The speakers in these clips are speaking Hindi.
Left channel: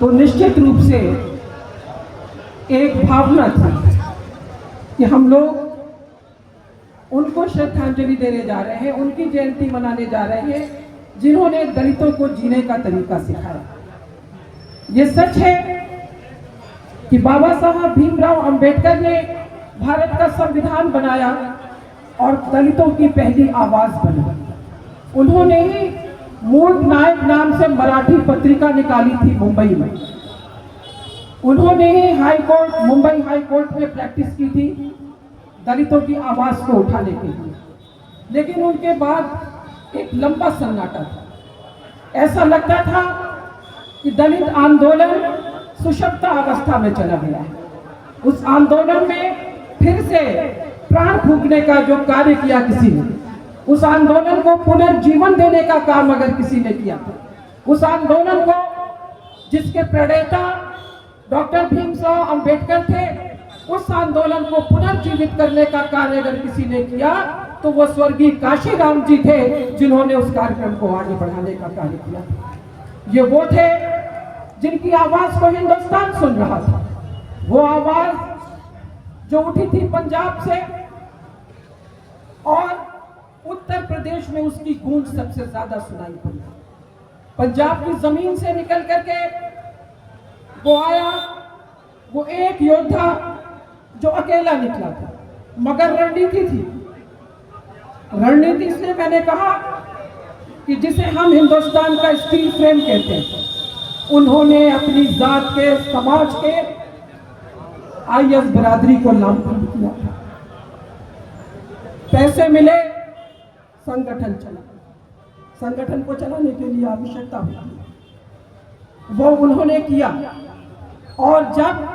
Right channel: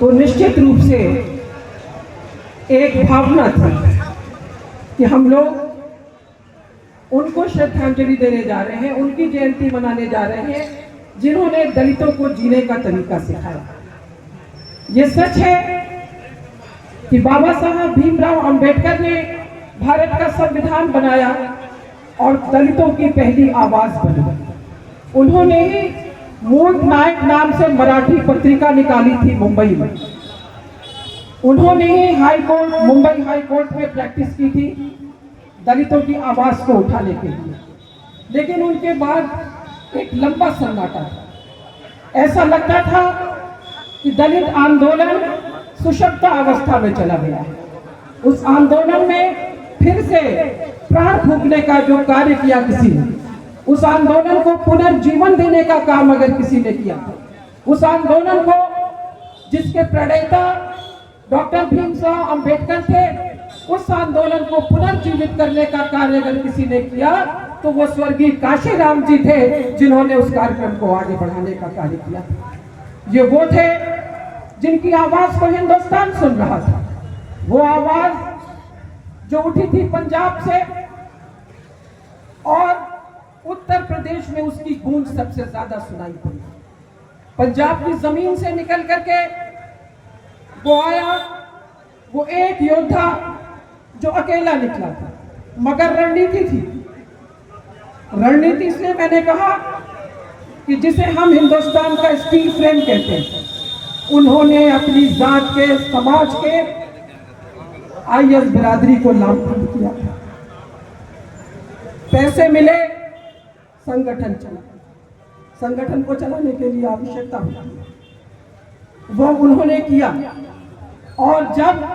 तो निश्चित रूप से एक भावना थी कि हम लोग उनको श्रद्धांजलि देने जा रहे हैं, उनकी जयंती मनाने जा रहे हैं जिन्होंने दलितों को जीने का तरीका सिखाया। ये सच है कि बाबा साहब भीमराव अंबेडकर ने भारत का संविधान बनाया और दलितों की पहली आवाज बनी। उन्होंने ही मूक नायक नाम से मराठी पत्रिका निकाली थी मुंबई में। उन्होंने ही मुंबई हाई कोर्ट में प्रैक्टिस की थी दलितों की आवाज को उठाने के लिए। लेकिन उनके बाद एक लंबा सन्नाटा था। ऐसा लगता था कि दलित आंदोलन सुषुप्त अवस्था में चला गया है। उस आंदोलन में फिर से प्राण फूंकने का जो कार्य किया किसी ने, उस आंदोलन को पुनर्जीवन देने का काम अगर किसी ने किया, उस आंदोलन को जिसके प्रणेता डॉक्टर भीमराव अंबेडकर थे, उस आंदोलन को पुनर्जीवित करने का कार्य अगर किसी ने किया तो वो स्वर्गीय काशीराम जी थे, जिन्होंने उस कार्यक्रम को आगे बढ़ाने का कार्य किया। ये वो थे जिनकी आवाज को हिंदुस्तान सुन रहा था। वो आवाज जो उठी थी पंजाब से और उत्तर प्रदेश में उसकी गूंज सबसे ज्यादा सुनाई पड़ी। पंजाब की जमीन से निकल करके वो आया, वो एक योद्धा जो अकेला निकला था, मगर रणनीति थी। रणनीति इसलिए मैंने कहा कि जिसे हम हिंदुस्तान का स्टील फ्रेम कहते हैं, उन्होंने अपनी जात के, समाज के आईएस बिरादरी को लामबंद किया था। पैसे मिले, संगठन चला। संगठन को चलाने के लिए आवश्यकता होती है, वो उन्होंने किया। और जब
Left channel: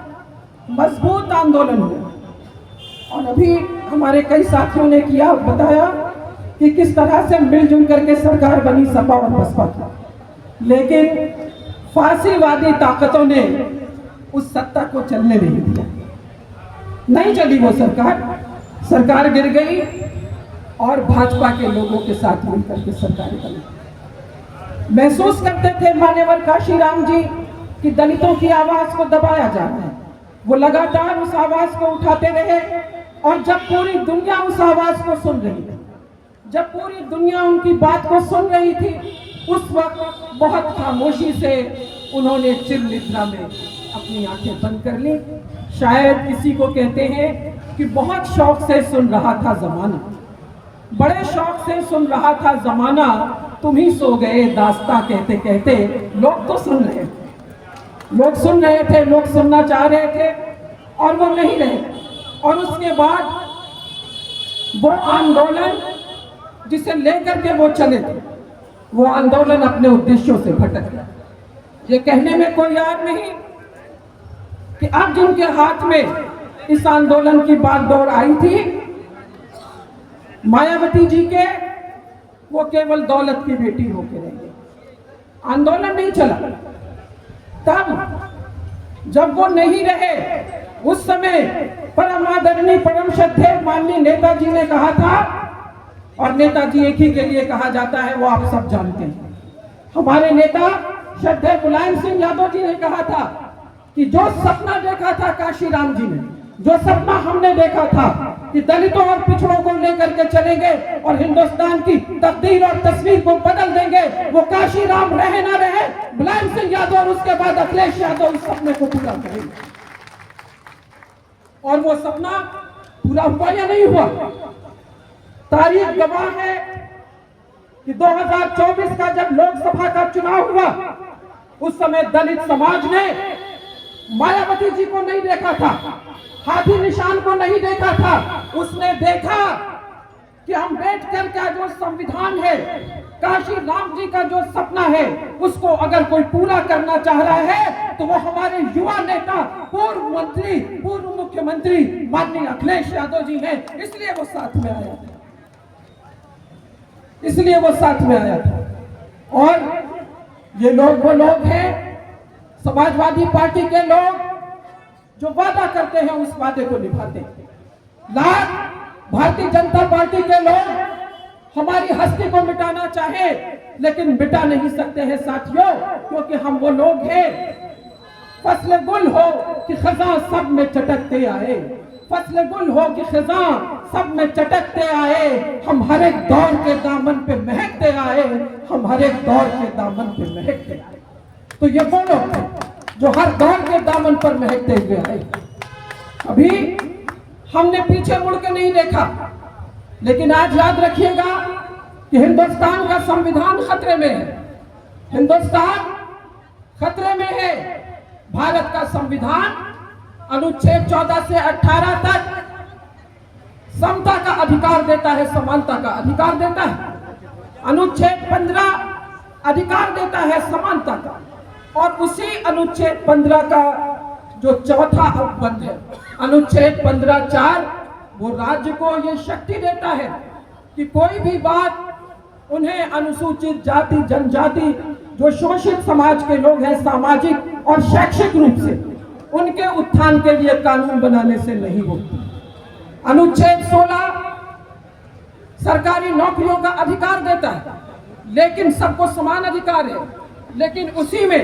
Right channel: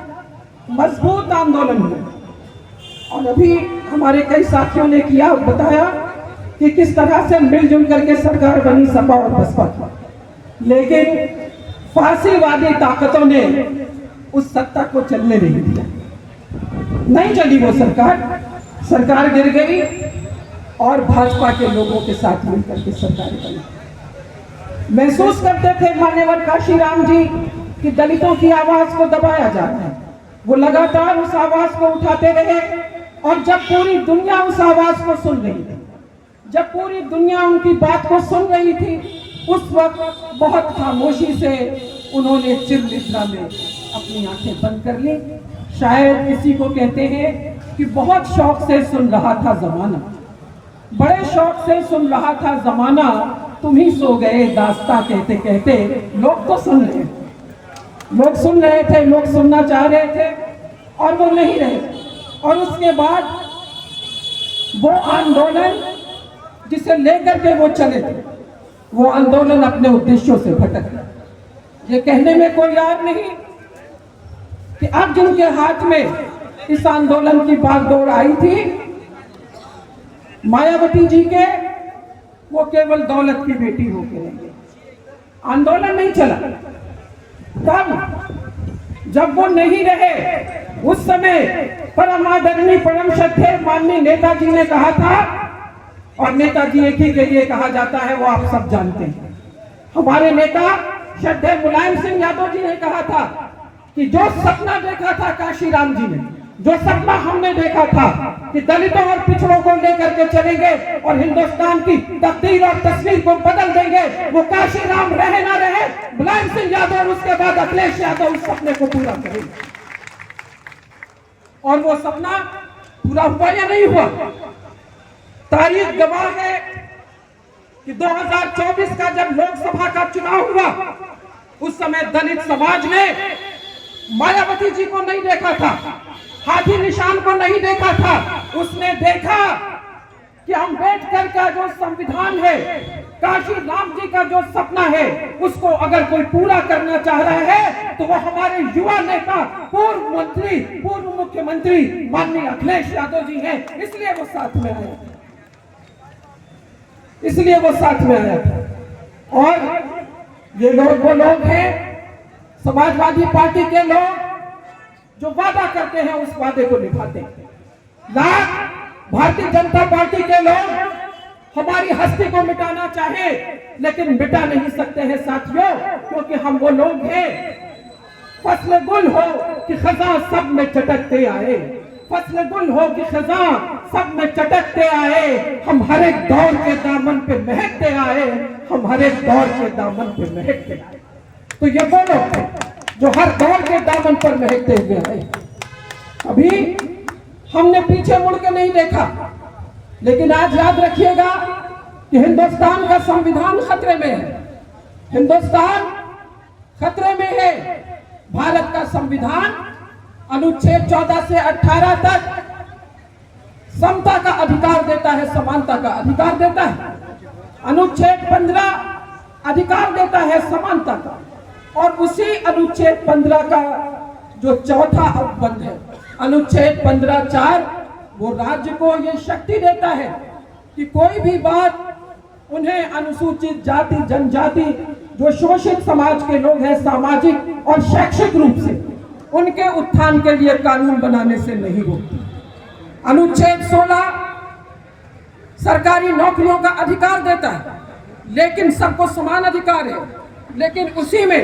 मजबूत आंदोलन हुआ, और अभी हमारे कई साथियों ने किया, बताया कि किस तरह से मिलजुल करके सरकार बनी सपा और बसपा की, लेकिन फांसीवादी ताकतों ने उस सत्ता को चलने नहीं दिया। नहीं चली वो सरकार गिर गई और भाजपा के लोगों के साथ मिलकर के सरकार बनी। महसूस करते थे मान्यवर काशीराम जी कि दलितों की आवाज को दबाया जा रहा है। वो लगातार उस आवाज को उठाते रहे, और जब पूरी दुनिया उस आवाज को सुन रही थी, जब पूरी दुनिया उनकी बात को सुन रही थी, उस वक्त बहुत खामोशी से उन्होंने चिरनिद्रा में अपनी आंखें बंद कर ली। शायद इसी को कहते हैं कि बहुत शौक से सुन रहा था जमाना, बड़े शौक से सुन रहा था जमाना, तुम ही सो गए दास्तां कहते कहते। लोग तो सुन रहे थे, लोग सुन रहे थे, लोग सुनना चाह रहे थे, और वो नहीं रहे। और उसके बाद वो आंदोलन जिसे लेकर के वो चले थे, वो आंदोलन अपने उद्देश्यों से भटक गया। ये कहने में कोई याद नहीं कि अब जिनके हाथ में इस आंदोलन की बागडोर आई थी, मायावती जी के, वो केवल दौलत की बेटी होकर रह गई। आंदोलन नहीं चला। तब जब वो नहीं रहे, उस समय परम आदरणीय परम श्रद्धेय माननीय नेताजी ने कहा था, और नेताजी एक ही के लिए कहा जाता है, वो आप सब जानते हैं। हमारे नेता श्रद्धेय मुलायम सिंह यादव जी ने कहा था कि जो सपना देखा था काशीराम जी ने, जो सपना हमने देखा था कि दलितों और पिछड़ों को लेकर के चलेंगे और हिंदुस्तान की तकदीर और तस्वीर को बदल देंगे, वो काशीराम रहे ना रहे, मुलायम सिंह यादव और उसके बाद अखिलेश यादव उस सपने को पूरा करेंगे। और वो सपना पूरा हुआ या नहीं हुआ? तारीख गवाह है कि 2024 का जब लोकसभा का चुनाव हुआ, उस समय दलित समाज ने मायावती जी को नहीं देखा था, हाथी निशान को नहीं देखा था। उसने देखा कि अम्बेडकर का जो संविधान है, काशीराम जी का जो सपना है, उसको अगर कोई पूरा करना चाह रहा है तो वो हमारे युवा नेता, पूर्व मंत्री, पूर्व मुख्यमंत्री माननीय अखिलेश यादव जी हैं। इसलिए वो साथ में आया था, इसलिए वो साथ में आया था। और ये लोग वो लोग हैं, समाजवादी पार्टी के लोग, जो वादा करते हैं उस वादे को निभाते हैं। लाख भारतीय जनता पार्टी के लोग हमारी हस्ती को मिटाना चाहे, लेकिन मिटा नहीं सकते हैं साथियों, क्योंकि हम वो लोग हैं, फसल गुल हो कि खजा सब में चटकते आए, फसल गुल हो कि खजा सब में चटकते आए, हम हर एक दौर के दामन पे महकते आए, हम हर एक दौर के दामन पे महकते आए। तो ये वो लोग थे जो हर दौर के दामन पर महकते हुए आए। अभी हमने पीछे मुड़ के नहीं देखा, लेकिन आज याद रखिएगा कि हिंदुस्तान का संविधान खतरे में है, हिंदुस्तान खतरे में है। भारत का संविधान अनुच्छेद 14 से 18 तक समता का अधिकार देता है, समानता का अधिकार देता है। अनुच्छेद 15 अधिकार देता है समानता का, और उसी अनुच्छेद 15 का जो चौथा अनुबंध है, अनुच्छेद 15(4), वो राज्य को ये शक्ति देता है कि कोई भी बात उन्हें अनुसूचित जाति जनजाति जो शोषित समाज के लोग हैं, सामाजिक और शैक्षिक रूप से उनके उत्थान के लिए कानून बनाने से नहीं रोकती। अनुच्छेद 16 सरकारी नौकरियों का अधिकार देता है, लेकिन सबको समान अधिकार है, लेकिन उसी में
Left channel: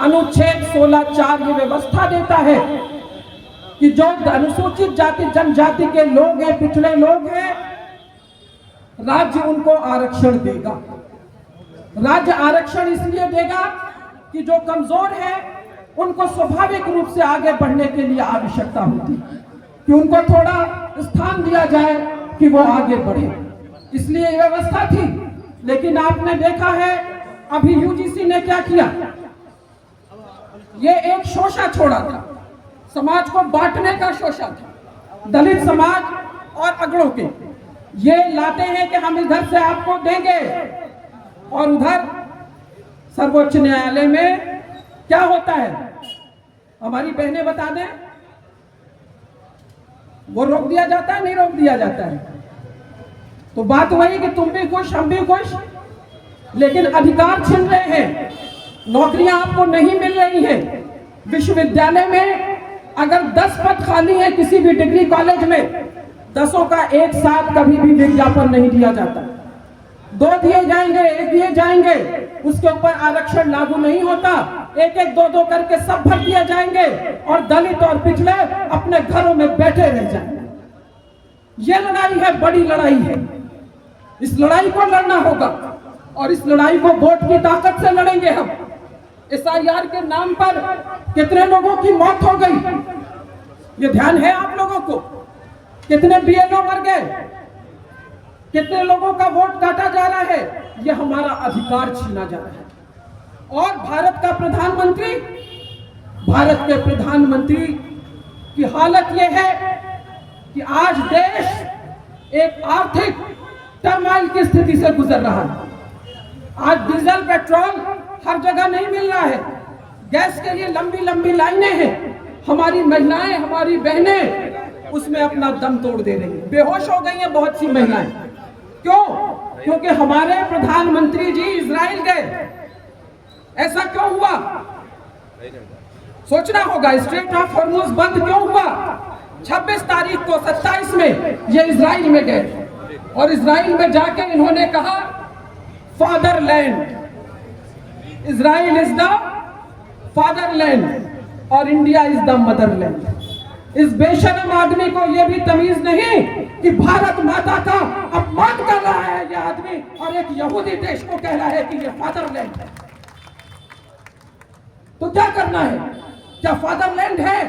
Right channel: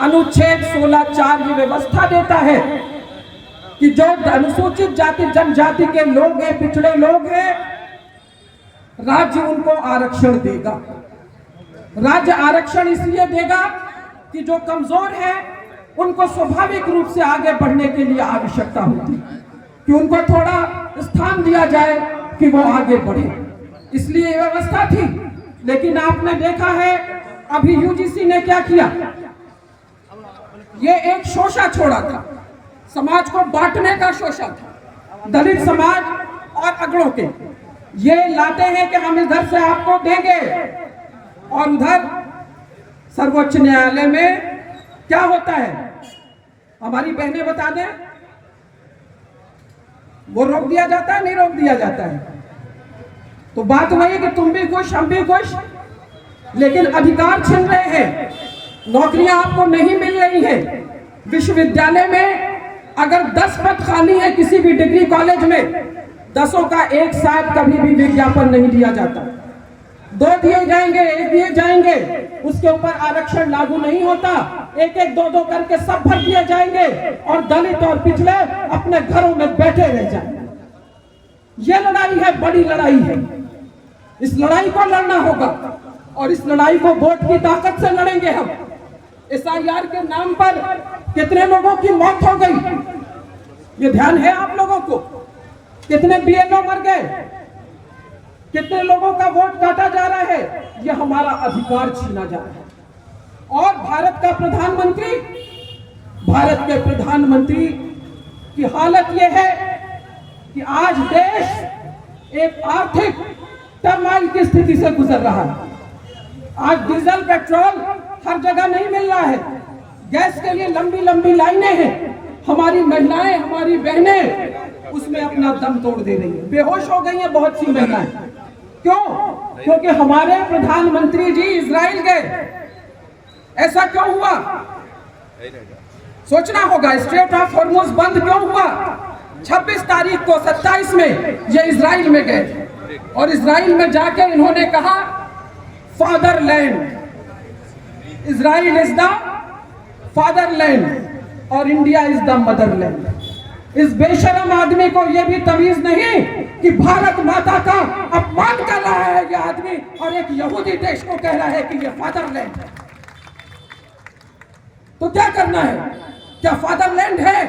अनुच्छेद 16(4) ये व्यवस्था देता है कि जो अनुसूचित जाति जनजाति के लोग हैं, पिछड़े लोग हैं, राज्य उनको आरक्षण देगा। राज्य आरक्षण इसलिए देगा कि जो कमजोर है उनको स्वाभाविक रूप से आगे बढ़ने के लिए आवश्यकता होती है कि उनको थोड़ा स्थान दिया जाए कि वो आगे बढ़े, इसलिए व्यवस्था थी। लेकिन आपने देखा है अभी यूजीसी ने क्या किया, ये एक शोषा छोड़ा था, समाज को बांटने का शोषा था। दलित समाज और अगड़ों के ये लाते हैं कि हम इधर से आपको देंगे, और उधर सर्वोच्च न्यायालय में क्या होता है, हमारी बहनें बता दें, वो रोक दिया जाता है, नहीं रोक दिया जाता है। तो बात वही कि तुम भी खुश हम भी खुश, लेकिन अधिकार छिन रहे हैं, नौकरियां आपको नहीं मिल रही हैं। विश्वविद्यालय में अगर 10 पद खाली है किसी भी डिग्री कॉलेज में, 10 का एक साथ कभी भी विज्ञापन नहीं दिया जाता, 2 दिए जाएंगे, 1 दिए जाएंगे, उसके ऊपर आरक्षण लागू नहीं होता, 1-1, 2-2 करके सब भर दिए जाएंगे, और दलित और पिछड़े अपने घरों में बैठे रह जाएंगे। ये लड़ाई है, बड़ी लड़ाई है, इस लड़ाई को लड़ना होगा, और इस लड़ाई को वोट की ताकत से लड़ेंगे हम। SIR के नाम पर कितने लोगों की मौत हो गई, ये ध्यान है आप लोगों को? कितने BLO मर गए, कितने लोगों का वोट काटा जा रहा है, ये हमारा अधिकार छीना जा रहा है। और भारत के प्रधानमंत्री की हालत ये है कि आज देश एक आर्थिक टर्माइल की स्थिति से गुजर रहा है। आज डीजल पेट्रोल हर जगह नहीं मिल रहा है, गैस के लिए लंबी लंबी लाइनें हैं, हमारी महिलाएं, हमारी बहनें उसमें अपना दम तोड़ दे रही हैं, बेहोश हो गई हैं बहुत सी महिलाएं। क्यों? क्योंकि हमारे प्रधानमंत्री जी इजराइल गए। ऐसा क्यों हुआ? सोचना होगा, स्ट्रेट ऑफ हॉर्मुज बंद क्यों हुआ? 26 तारीख को 27 में ये इजराइल में गए, और इजराइल में जाके इन्होंने कहा fatherland, Israel is the fatherland और इंडिया इज द मदरलैंड। इस बेशरम आदमी को यह भी तमीज नहीं कि भारत माता का अपमान कर रहा है यह आदमी, और एक यहूदी देश को कह रहा है कि यह फादरलैंड है। तो क्या करना है? क्या फादरलैंड है?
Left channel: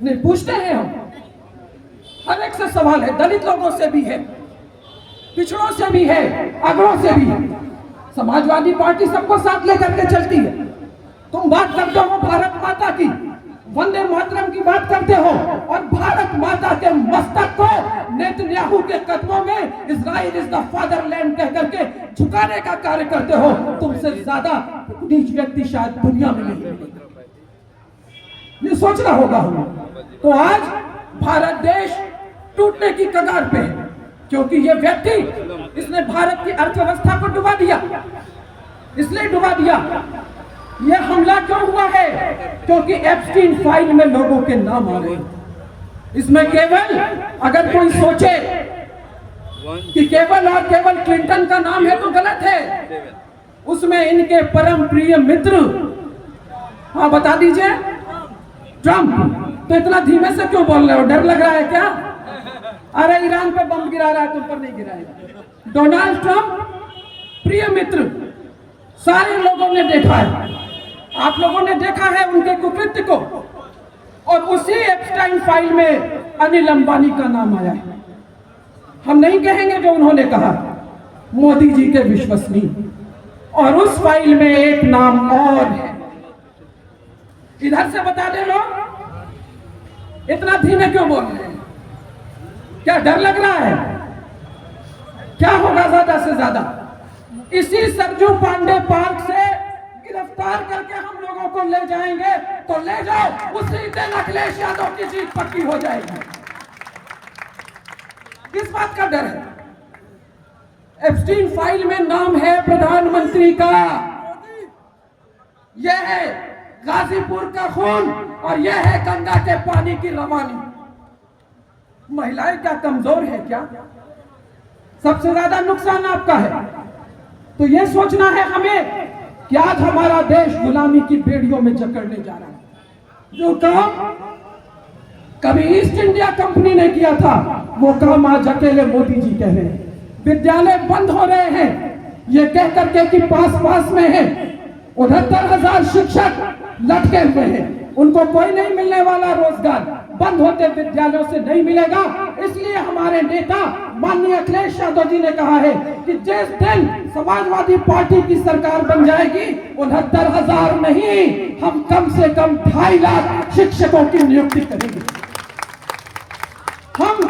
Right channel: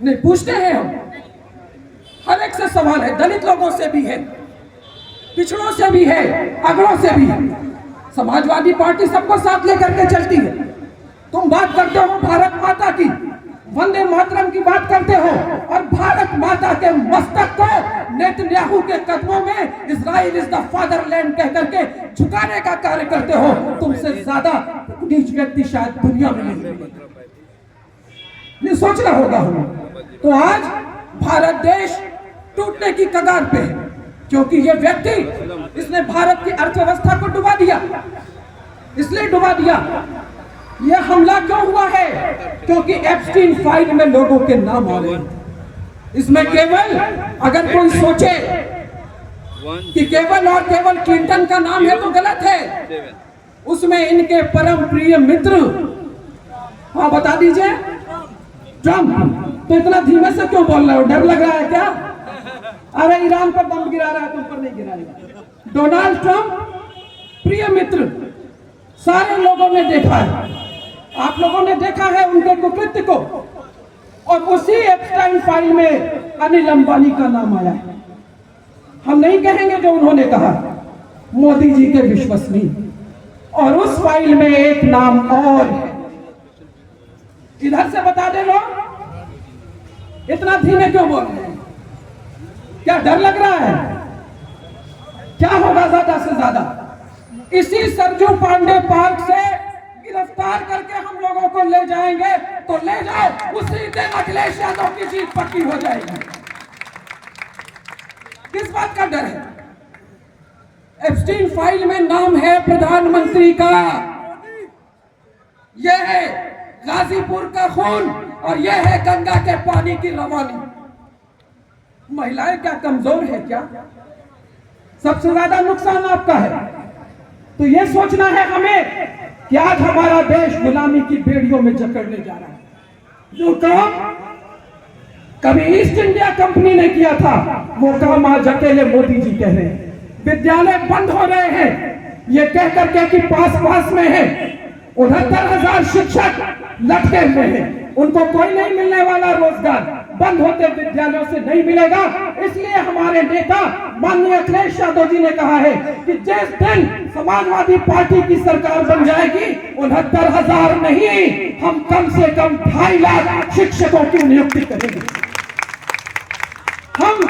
नहीं, पूछते हैं हम, हर एक से सवाल है, दलित लोगों से भी है, पिछड़ों से भी है, अगड़ों से भी है। समाजवादी पार्टी सबको साथ लेकर के चलती है। तुम बात करते हो भारत माता की, वंदे मातरम की बात करते हो, और भारत माता के मस्तक को नेतन्याहू के कदमों में इजराइल इज द फादरलैंड कह करके झुकाने का कार्य करते हो। तुमसे ज्यादा नीच व्यक्ति शायद दुनिया में नहीं मिलेगा। ये सोचना होगा हमें। तो आज भारत देश टूटने की कगार पे है, क्योंकि ये व्यक्ति, इसने भारत की अर्थव्यवस्था को डुबा दिया। इसलिए डुबा दिया। यह हमला क्यों हुआ है? क्योंकि एप्स्टीन फाइल में लोगों के नाम आ रहे हैं। इसमें केवल अगर कोई सोचे कि केवल और केवल क्लिंटन का नाम है तो गलत है, उसमें इनके परम प्रिय मित्र, हाँ बता दीजिए, ट्रंप। तो इतना धीमे से क्यों बोल रहे हो, डर लग रहा है क्या? अरे ईरान पर बम गिरा रहा है, तुम पर नहीं गिराएगा। डोनाल्ड ट्रंप प्रिय मित्र, सारे लोगों ने देखा है, आप लोगों ने देखा है उनके कुकृत्य को। और उसी एप्स्टाइन फाइल में अनिल अंबानी का नाम आया है। हम नहीं कहेंगे जो उन्होंने कहा, मोदी जी के विश्वसनीय। और उस फाइल में एक नाम और है, इधर से बता दे लो, इतना धीमे क्यों बोल रहे हैं? क्या डर लग रहा है? क्या होगा ज्यादा से ज्यादा? इसी सरजू पांडे पार्क से गिरफ्तार करके हम लोगों को ले जाएंगे तो ले जाओ, उसी दिन अखिलेश यादव की जीत पक्की हो जाएगी। किस बात का डर है? एप्स्टीन फाइल में नाम है प्रधानमंत्री का, यह है गाजीपुर का खून और यह है गंगा के पानी की रवानी। महिलाएं क्या कमजोर है क्या? सबसे ज्यादा नुकसान आपका है। तो यह सोचना है हमें कि आज हमारा देश गुलामी की बेड़ियों में जकड़ने जा रहा है। जो काम कभी ईस्ट इंडिया कंपनी ने किया था, वो काम आज अकेले मोदी जी कह रहे हैं। विद्यालय बंद हो रहे हैं ये कह करके कि पास में है। 69,000 शिक्षक लटके हुए हैं, उनको कोई नहीं मिलने वाला रोजगार, बंद होते विद्यालयों से नहीं मिलेगा। इसलिए हमारे नेता माननीय अखिलेश यादव जी ने कहा है कि जिस दिन समाजवादी पार्टी की सरकार बन जाएगी, 69,000 नहीं, हम कम से कम 2.5 लाख शिक्षकों की नियुक्ति करेंगे। हम